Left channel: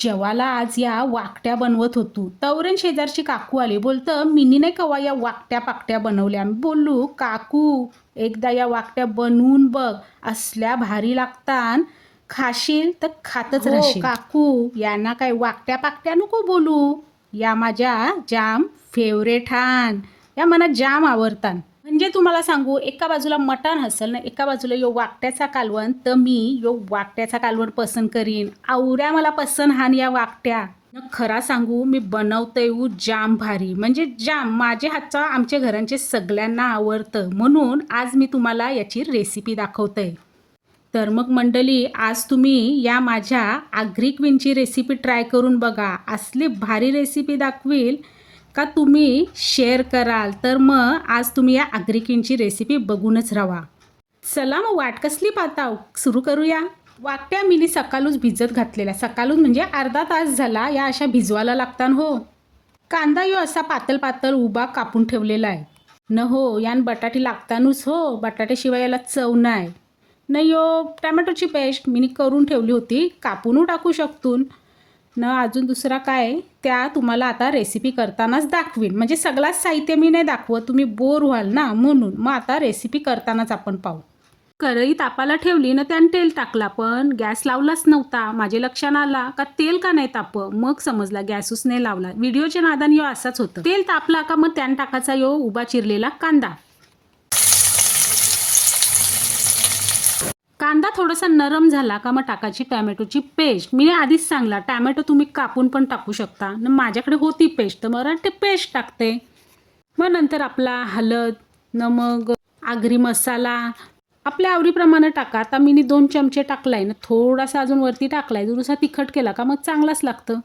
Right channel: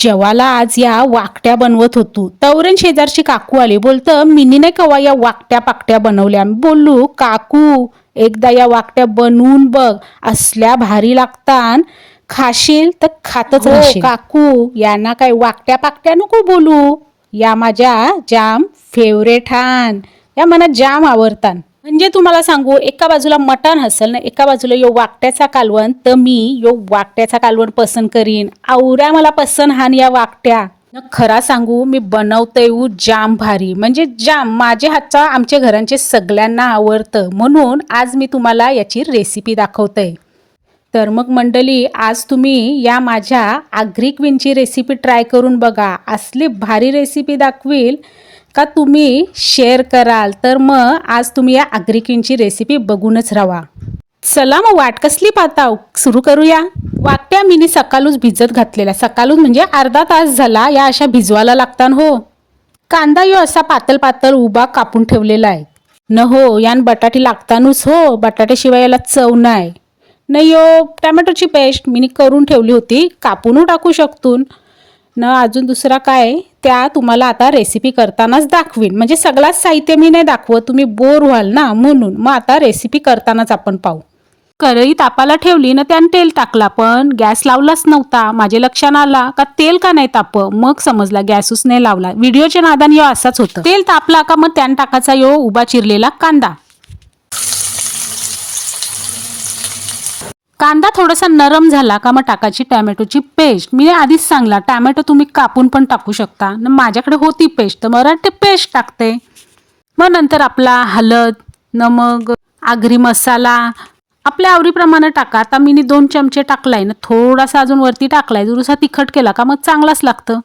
जेवाला आज या वाकट्या बनवत होतो. तवरण शेजारची काकू आली. बोलतं मिनी नाही कवा या वाकट्या पाकट्या बनवल्या? मी बोललो काकू एकदा या वाकट्या बनवून बघ. असल्या भारी लागतान. खाशील तर खातच राहशील काकू. यांना काय वाकट्या पाकट्या नको बोलू? या माझ्या जाम फेवरेट हान. या मला जाम आवडतान. म्हणजे तुम्हाला सांगू एका बाजूला मटण हसल ना एका बाजूला यो वाकट्याचा कालवण तर मी यो वाकट्याचा कालवण पसंत करीन. आवऱ्या मला पसंत हान या वाकट्या. न खरा सांगू मी बनवते उ जाम भारी. म्हणजे जाम माझ्या हातचा आमच्या घरांचे सगळ्यांना आवडतं. म्हणून आज मी तुम्हाला याची रेसिपी दाखवते तर मग मंडळी आज तुम्ही या माझ्या आग्री क्वीनची रेसिपी ट्राय करून बघा. असली भारी रेसिपी दाखवील का तुम्ही शेअर कराल तर मग आज तुम्ही या आग्री रेसिपी बघूनच राहा. चला मग वाट कसली पाहता सुरू करूया. वाट्या मी सकाळूच भिजत घातलेला सकाळूच म्हणजे अर्धा तास झाला या अशा भिजवायला लागतान हो. कांदा यो असा पातळ पातळ उभा कापून ठेवलेला आहे. न हो यान बटाटे लागतानच हो. बटाट्याशिवाय याला चव नाही नाही यो टॅमॅटोची पेस्ट मी करून ठेवली होती. कापून टाकू शकतून. न अजून दुसरा काय त्या तुम्हाला आता रेसिपी करतानाच दाखवीन. म्हणजे सगळाच साहित्य मी नाही दाखवत. तुम्ही बोर व्हाल ना म्हणून. मग आता रेसिपी करतानाच आपण पाहू. करई तापाला ठेवली ना त्यानं तेल टाकला पण गॅस लावलाच नव्हता. माझे लक्षात आला का तेल का नाही ताप? मग समजला गॅसच नाही लावला. व्हिडिओच्या नादान यो असाच होतं. तेल तापला का मग त्यानं टाकायचा यो उभा चिरलेला कांदा. कांदा थोडासा नरम झाला का मग टाकायची टॅमॅटोची पेस्ट. मी आधीच सांगला टॅमॅटो तुम्ही कापून पण टाकू शकता. न माझ्याकडे होती पेस्ट तर मला ते पेस्ट टाकते. मग नंतर आपला हळद नमक आगरी मसाला आपल्या आवडीप्रमाणे टाका. आता मी दोन चमचे टाकलाय ना थोडासा अजून वरती टाकलाय. दुरुसा तिखट केला का मग चांगलाच लागतं.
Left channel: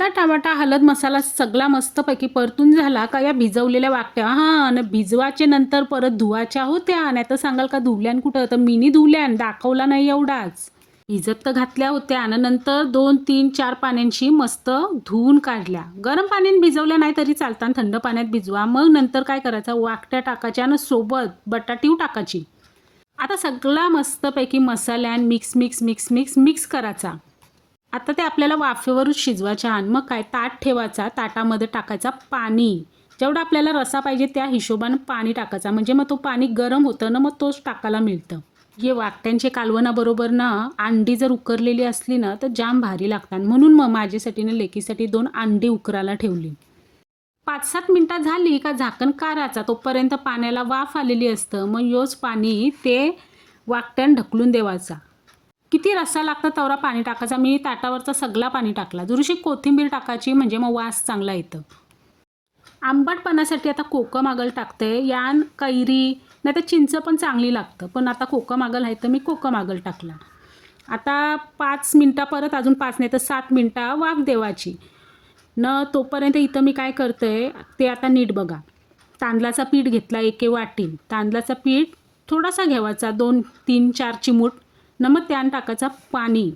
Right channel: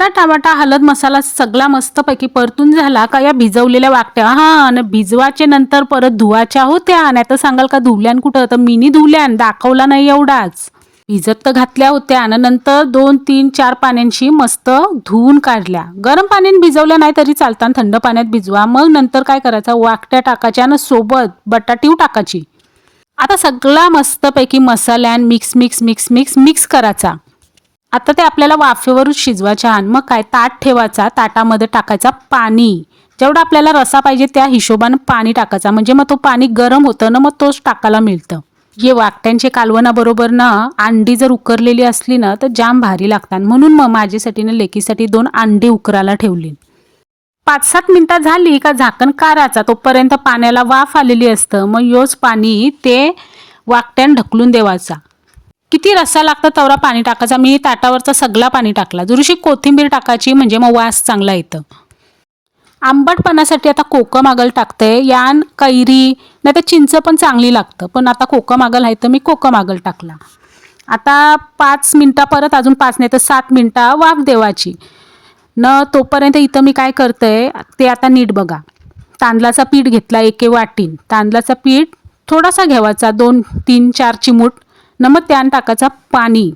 कांदा टमाटा हळद मसाला सगळा मस्तपैकी परतून झाला का या भिजवलेल्या वाकट्या? हा आणि भिजवाचे नंतर परत धुवाच्या होत्या. आणि तर सांगाल का धुवल्यान कुठं? तर मिनी धुवल्यान दाखवला नाही एवढाच. भिजत तर घातल्या होत्या आणि नंतर दोन तीन चार पाण्यांशी मस्त धुवून काढल्या. गरम पाण्याने भिजवल्या नाही तरी चालतात थंड पाण्यात भिजवा. मग नंतर काय करायचं? वाकट्या टाकायच्या आणि सोबत बटाटीव टाकायची. आता सगळा मस्तपैकी मसाल्यान mix mix mix mix mix करायचा. आता ते आपल्याला वाफेवरच शिजवायचे आण. मग काय? ताट ठेवायचा. ताटामध्ये टाकायचा पाणी. जेवढा आपल्याला रसा पाहिजे त्या हिशोबानं पाणी टाकायचा. म्हणजे मग तो पाणी गरम होतं ना मग तोच टाकायला मिळतं. हे वाकट्यांचे कालवणाबरोबर ना अंडी जर उकरलेली असली ना तर जाम भारी लागतात. म्हणून मग माझ्यासाठी ना लेकीसाठी दोन अंडी उकरायला ठेवली. पाच सात मिनटं झाली का झाकण काराचा तोपर्यंत पाण्याला वाफ आलेली असतं. मग योच पाणी ते वाकट्यान ढकलून देवाचा. किती रस्सा लागतं तेवढा पाणी टाकायचा. मी ताटावरचा सगळा पाणी टाकला. जरुशी कोथिंबीर टाकायची म्हणजे मग वास चांगला येतं. आंबटपणासाठी आता कोकम आगल टाकते. यान कैरी नाही तर चिंच पण चांगली लागतं. पण आता कोकम आगल आहे तर मी कोकम आगल टाकला. आता पाच मिनटा परत अजून पाच नाही तर सात मिनटं वाफ देवाची न तोपर्यंत इथं मी काय करते ते आता नीट बघा. तांदळाचा पीठ घेतला एके वाटीन. तांदळाचा पीठ थोडासा घ्यावाचा दोन तीन चार चिमूट न मग त्यान टाकायचा पाणी.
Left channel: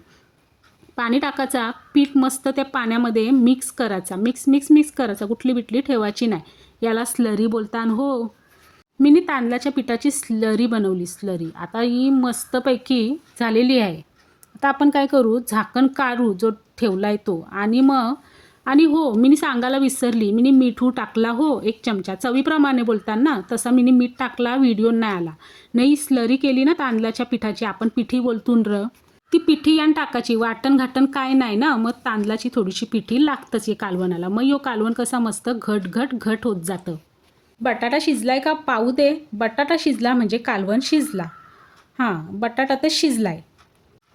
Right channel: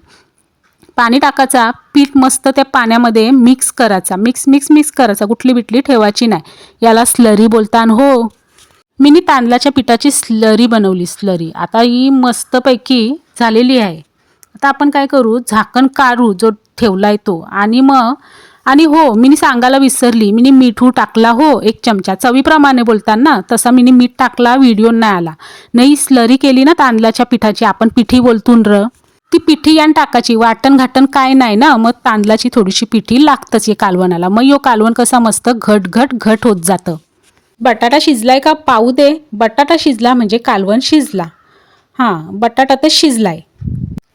पाणी टाकायचा पीठ मस्त त्या पाण्यामध्ये मिक्स करायचा. मिक्स मिक्स मिक्स करायचा. कुठली बिटली ठेवायची नाही. याला स्लरी बोलतान हो. मीनी तांदळाच्या पिठाची स्लरी बनवली स्लरी आता ही मस्तपैकी झालेली आहे. आता आपण काय करू? झाकण काढू जो ठेवला आहे तो. आणि मग आणि हो मी सांगायला विसरली. मी मिठू टाकला हो एक चमचा. चवीप्रमाणे बोलताना तसा मी मीठ टाकला व्हिडिओ नाही आला. नाही स्लरी केली ना तांदळाच्या पिठाची. आपण पिठी बोलतून र. ती पिठी यान टाकायची. वाटण घाटण काय नाही ना? मग तांदळाची थोडीशी पिठी लागतच या कालवणाला मग यो कालवण कसा मस्त घट घट घट होत जातं. बटाटा शिजलाय का? पाहू दे. बटाटा शिजला म्हणजे कालवण शिजला. हां बटाटा तर शिजलाय.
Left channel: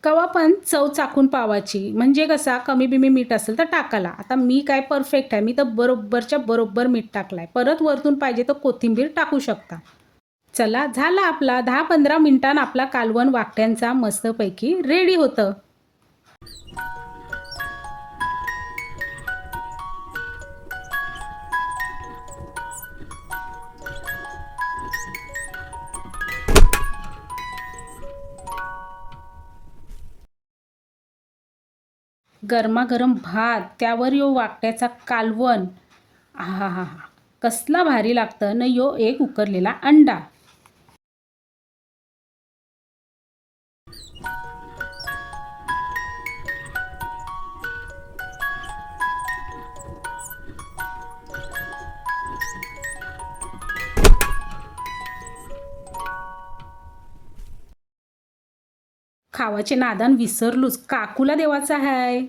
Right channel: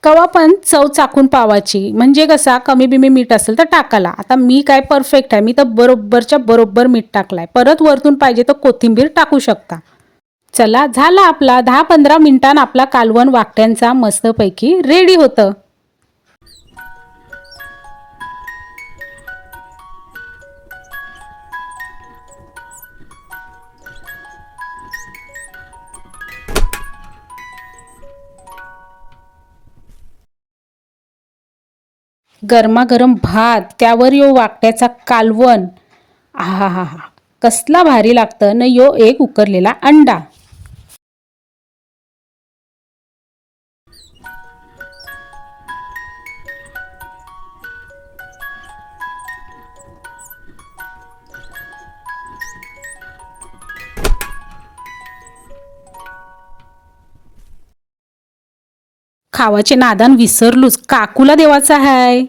कवा पण चव चाकून पावाची म्हणजे कसा कमी बिमी मीठ असेल तर टाकाला आता मी काय परफेक्ट आहे. मी तर बरोबरच्या बरोबर मीठ टाकलाय. परत वरतून पाहिजे तर कोथिंबीर टाकू शकता. चला झाला आपला दहा पंधरा मिनिटांना आपला कालवण वाकट्यांचा मस्तपैकी रेडी होतं. गरमागरम भात त्यावर यो वाकट्याचा कालवण. आहा हा हा कसला भारी लागतं न यो एक उकरलेला अंडा. खावाचे नादान विसरलोच. काकूला देवाचा हाय.